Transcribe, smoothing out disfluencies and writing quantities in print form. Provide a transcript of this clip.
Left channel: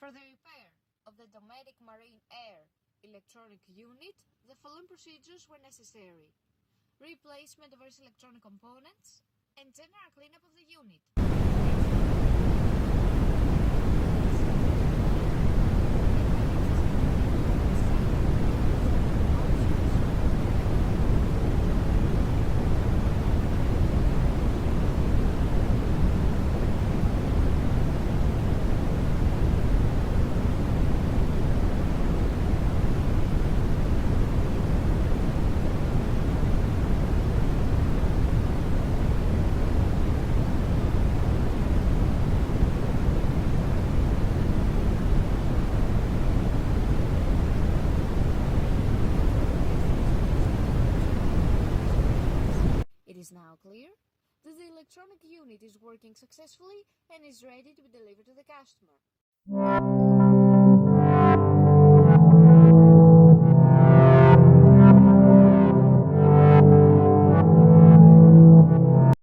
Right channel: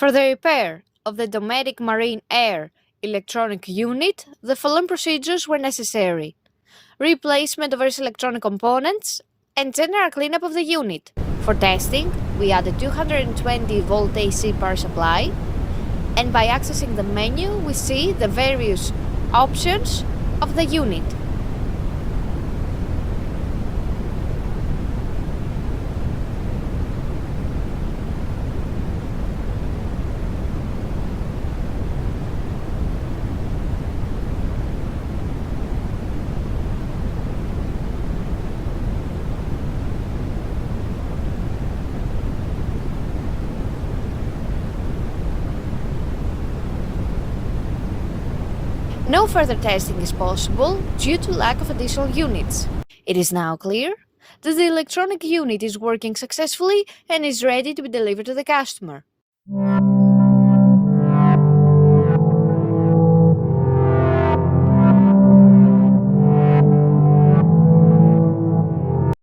For the repair of the Dometic Marine Air electronic unit, the following procedures were necessary: replacement of various electronic components and general cleanup of the unit. For testing, we added 220 volt AC power supply, and by accessing the menu, we see the various options of the unit. No further testing is possible due to lack of additional units. It is now clear that the electronic unit is working successfully and is ready to be delivered to the customer.